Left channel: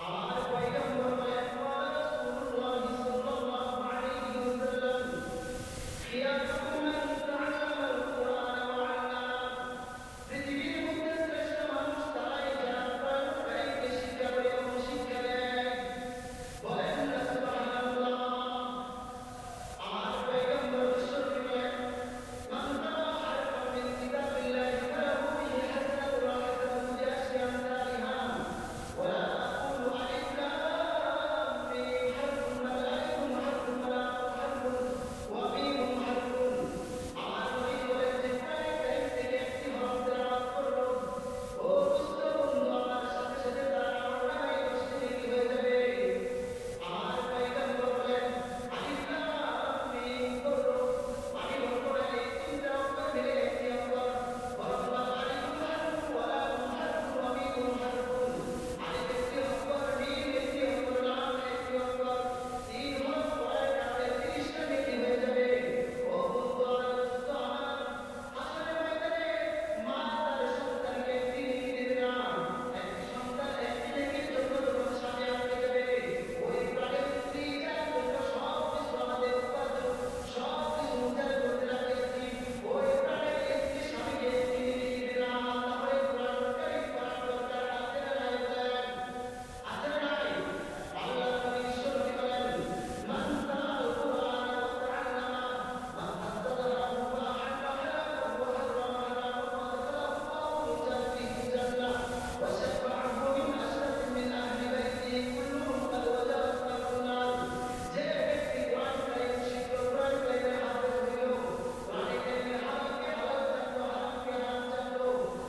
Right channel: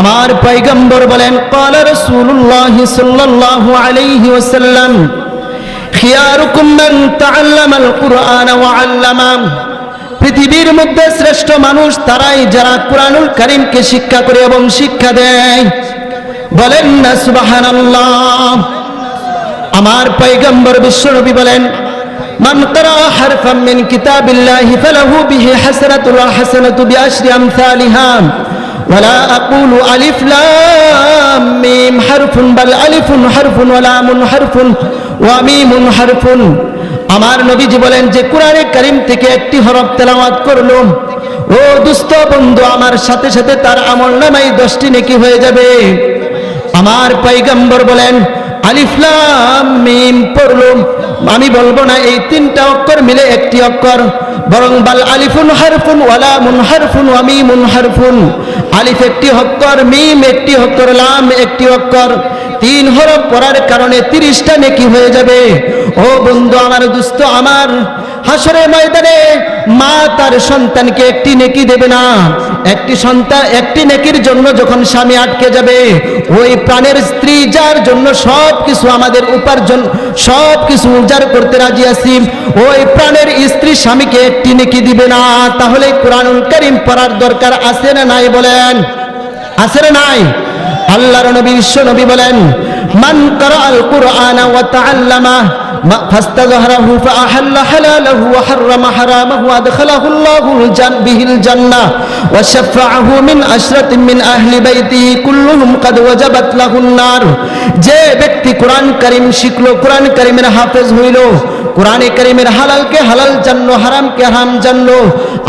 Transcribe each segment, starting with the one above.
আমার পয়গম্বর বলেন قال رسول الله صلى الله عليه وسلم خياركم من تعلم القرآن وعلمه পৃথিবীর মধ্যে শ্রেষ্ঠ মানুষ তারাই যারা কোরআনুল করিমকে শিক্ষা করে এবং শিক্ষা দেয় বলেন না সুবহানাল্লাহ আমার পয়গম্বর বিশ্বনবী বলেন من قرأ حرفا من كتاب الله فله به حسنة والحسنة بعشر أمثالها ولا أقول ألف لام ميم حرف بل ألف حرف ولام حرف وميم حرف আমার নবীজি বলেন যে কোরআনে কারিম থেকে একটি হরফ তেলাওয়াত করলো ও দুস্থ বন্ধু আমার সাথে সাথে তার আমল নামাই দশটি নেকি হয়ে যাবে আমার পৈগম্বর বলেন আলিফলাম মিম পড়লুম আমি বলব না, এই তিনটা অক্ষর মিলে একটি অক্ষর। বরং বাল আলিফুন হারফুন ওয়ালা মুন হারফুন আমি মিমুন হারফুন। আলিফ একটি অক্ষর, মিম একটি অক্ষর, লাম একটি অক্ষর। তিন হরফ পড়ার কারণে তিরিশটা নেকি হয়ে যাবে। ও বন্ধু, আমার দুস্থ, আমার হাসরে ময়দানে মা তার সন্তানকে একটি নেকি দেবে না। একটি সন্তান, একটি নেকির জন্য যখন স্বামী আটকে যাবে, ওই প্রাণের স্ত্রী যার জন্য সব কিছু আমাদের উপার্জন সব কিছু উজাড় করতে রাজি আছি, ওই প্রাণের স্ত্রী স্বামীকে একটি নেকি দিবে না। তাহলে কোরআনুল করিম পড়ার দরকার আছে না নাই বলেন? আছে না নাই? আল্লাহর নবী, বিশ্ব নবী বলেন মান করাল কুরআন ওয়া তাআল্লামা فاستظهره فأحل حلاله وحرم حرامه وأدخله الله الجن به الجنة وشفعه من عشرة من أهل بيته كلهم قد وجبت له النار যে ব্যক্তি কোরআন করিম শিখলো কোরআন করিমের হাফেজ হইল কোরআনে করিমের হালালকে হালাল জানলো হারামকে হারাম জানলো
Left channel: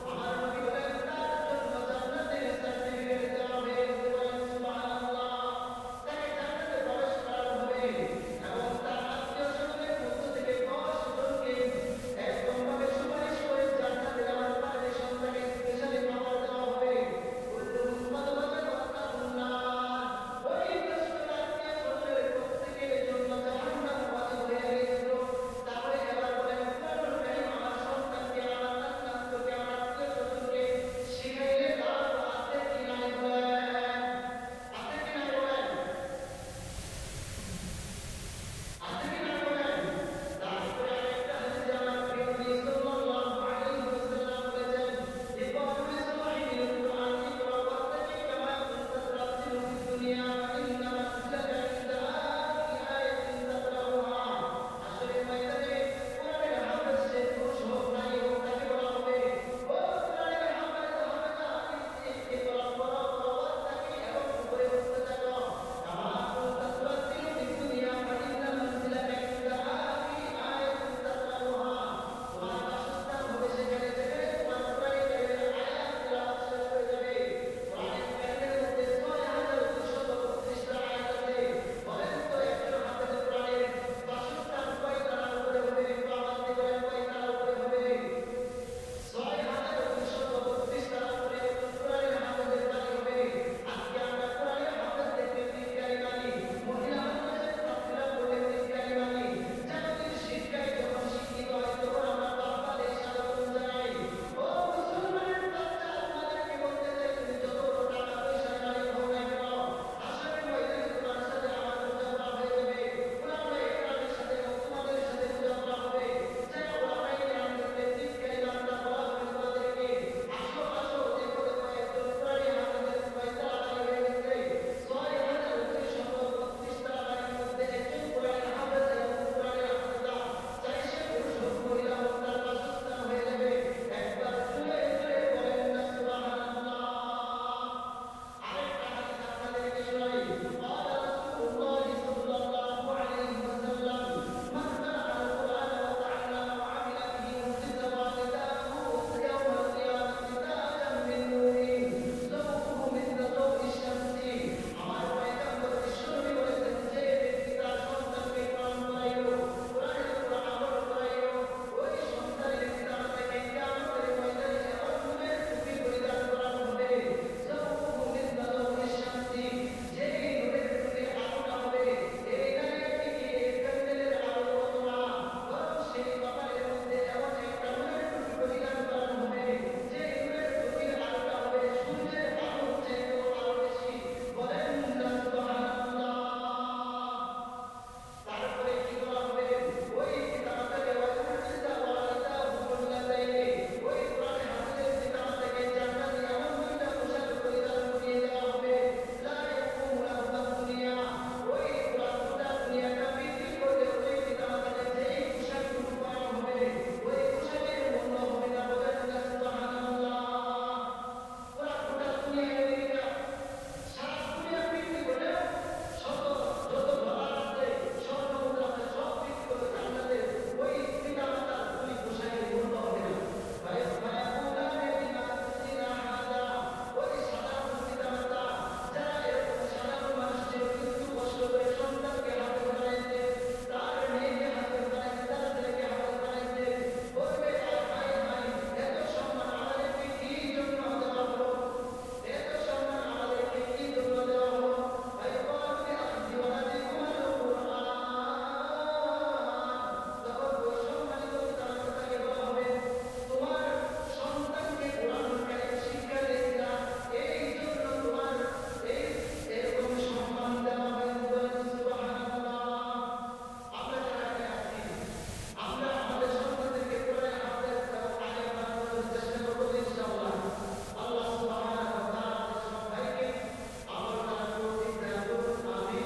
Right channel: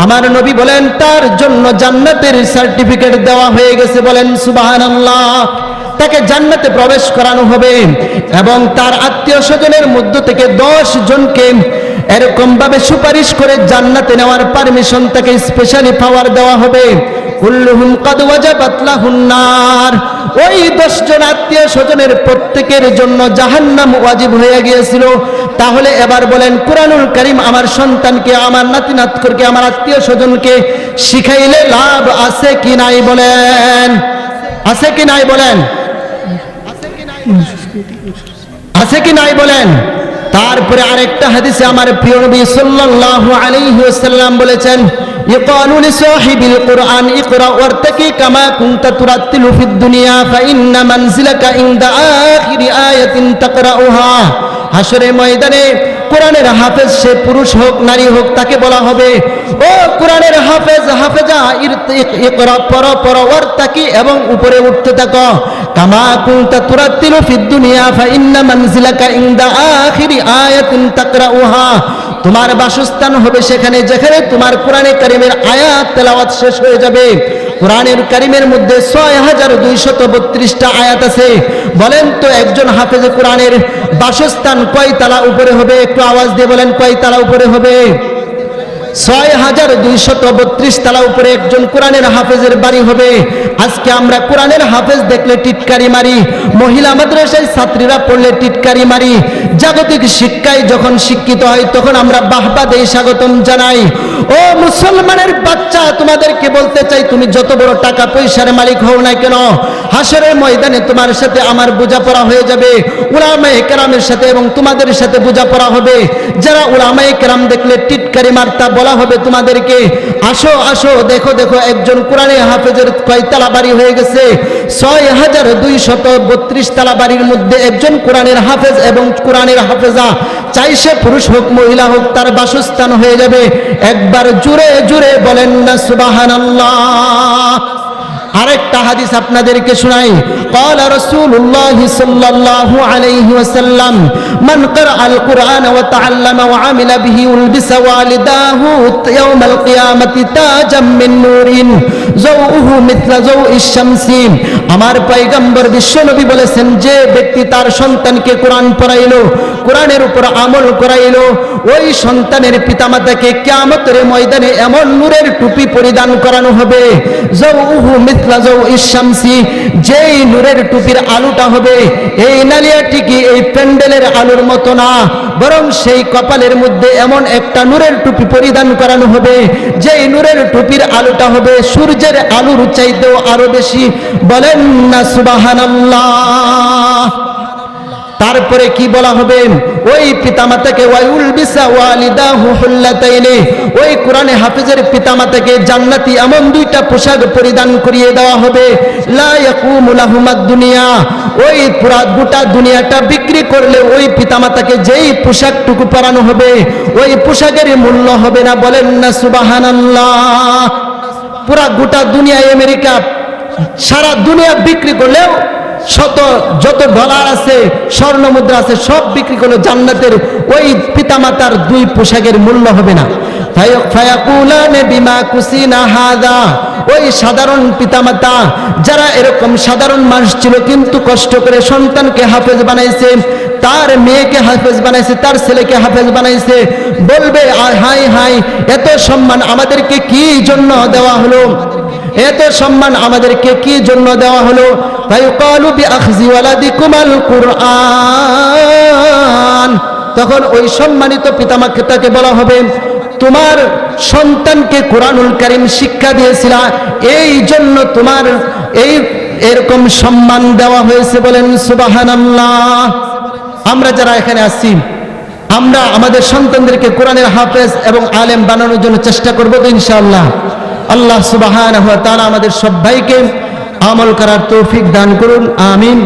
আমার নবী বলেন তার জন্য জান্নাতের সার্টিফিকেট দেওয়া হয়ে গেছে বলেন সুবহানাল্লাহ তাকে জান্নাতে প্রবেশ করানো হবে এবং তার আত্মীয় স্বজনের মধ্য থেকে দশ জনকে এরকম ভাবে সুপারিশ করে জান্নাতে নেওয়ার পারমিশন তাকে স্পেশালি পাওয়ার দেওয়া হবে। কুল্লুহুম কদ ওয়াজাবাত লাহুন নার। ওই দশ জন আত্মীয় স্বজনের প্রত্যেকের জন্য জাহান্নাম ওয়াজিব হয়ে গিয়েছিল। তাহলে এবার বলেন, কোরআনুল করিম আমার সন্তানকে, আমার নাতি নাতকরকে আমার আত্মীয় স্বজনকে শিখাইলে লাভ আছে কি নাই বলেন? আছে কি নাই বলেন? আছে কি নাই বলেন তারপরে আরেকটা হাদিসে আমার প্রিয় নবী সাল্লাল্লাহু আলাইহি ওয়াসাল্লাম বলেছেন يقال لصاحب القرآن اقرأ وارتقي كما كنت ترتل في الدنيا فإن منزلك عند آخر آية تقرأها হাসরে ময়দানে কোরআনের হাফেজ সে পুরুষ হোক, নারী হোক, তাকে বলা হবে, ও কোরআনের হাফেজ, হাফেজা পর পর এবং উপরে উঠতে থাকো। তোমার বাসস্থান হবে সেখানে, যেখানে তোমার কোরআনে কারিমের আয়াত, তেলাওয়াত শেষ হয়ে যাবে। কোরআনের কারিমের মধ্যে ছয় হাজার দুইশত বত্রিশটা আয়াত আছে। বলেন তো একজন হাফেজে কোরআনের বাসস্থান কয় তালা উপরে হবে? একটু আওয়াজ দিয়ে বলেন, কয় তালা উপরে হবে? ছয় হাজার দুইশত বত্রিশ তালা উপরে একজন কোরআনের হাফেজের বাড়ি হবে। আজকে আমরা কোরআনের হাফেজ দেখলে টিটকারি মারি, মহিলা মাদ্রাসায় ছাত্রীরা পড়লে টিটকারি মারি। জাগতিক শিক্ষায় যখন শিক্ষিত হয়, তখন আমরা বাহবা দেই স্বাগতম জানাই। ও মুসলমানের বাচ্চা, তোমাদেরকে বলতে চাই, তুমি যত বড় টাকা পয়সার মালিক হও না কেন, হাসরের ময়দানে তোমার সাথে আমার বোঝাপড়া হয়ে যাবে, উলামায়ে কেরামের সাথে এবং তোমাদের সাথে বোঝাপড়া হবে। যারা উলামায়ে কেরাম দেখলে টিটকারি মার্তা বলা হবে তোমাদেরকে, আসো আসো, দেখো দেখো, একজন কোরআনে হাফেজের কয়তালা বাড়ি হয়ে গেছে, ছয় হাজার দুই শত বত্রিশ তালা বাড়ির মধ্যে একজন কোরআনের হাফেজ এবং কোরআনের হাফেজা, চাই সে পুরুষ হোক, মহিলা হোক, তার বাসস্থান হয়ে যাবে, একবার জুড়ে জুড়ে বলেন না সুবাহান আরেকটা হাদিস আপনাদেরকে শোনাই قال رسول الله صلى الله عليه وسلم من قرأ القرآن وتعلم وعمل به ولبس والداه يوم القيامة تاجا من نور زوءه مثل زوء الشمس আমার পয়গম্বর বিশ্বনবী বলেছেন যে ব্যক্তি তার সন্তানকে কোরআন পড়াইলো কোরআনের উপর আমল করাইলো ওই সন্তানের পিতামাতাকে কিয়ামতের ময়দানে এমন নূরের টুপি পরিধান করানো হবে জৌহু মিথলা জৌ ইশামসি যেই নূরের টুপির আলুটা হবে, এই নালিয়াটি কি এই প্যান্ডেলের আলুর মতো না, বরং সেই কপালের মধ্যে এমন একটা নূরের টুপি পরিধান করানো হবে, যেই নূরের টুপির আলুটা হবে, সূর্যের আলুর চাইতেও আরও বেশি। বলেন না সুবাহানাল্লাহ। তারপরে কি বলা হবে? ওই পিতামাতাকে ওয়াইউল বিসা ওয়ালিদাহু হুল্লাতাইনি। ওই কোরআনে হাফেজের পিতামাতাকে জান্নাতি এমন দুইটা পোশাক পরিধান করিয়ে দেওয়া হবে। লা ইয়াকুমু লাহুমাদ দুনিয়া। ওই পুরা গোটা দুনিয়াটা বিক্রি করলে ওই পিতামাতাকে যেই পোশাকটুকু পরানো হবে, ওই পোশাকের মূল্য হবে না। বলেন না সুবহানাল্লাহ। পুরা গোটা দুনিয়ায় আমেরিকা সারা দুনিয়া বিক্রি করলেও শত, যত ডলার আছে, স্বর্ণ মুদ্রা আছে, সব বিক্রি করলে জান্নাতের ওই পিতামাতার দুই পোশাকের মূল্য হবে না। বিমা হাদা। ওই সাধারণ যারা এরকম সাধারণ মানুষ ছিল, কিন্তু কষ্ট করে সন্তানকে হাফেজ বানাইছে, তার মেয়েকে বানাইছে, তার ছেলেকে হাফেজ বানাইছে, বলবে এত সম্মান আমাদেরকে কি জন্য দেওয়া হলো? এত সম্মান আমাদেরকে কি জন্য দেওয়া হলো? তখন ওই সম্মানিত পিতামাতাকে বলা হবে, তোমার সন্তানকে কোরআনুল কারীম শিক্ষা দিয়েছিলা, এই জন্য তোমার এই এরকম সম্মান দেওয়া হয়েছে বলেন সুবহানাল্লাহ। আমরা যারা এখানে আসছি আমরা আমাদের সন্তানদেরকে কোরআনের হাফেজ এবং আলেম বানানোর জন্য চেষ্টা করব তো ইনশাআল্লাহ। আল্লাহ সুবাহান তারা আমাদের সবাইকে আমল করার তৌফিক দান করুন আমিন।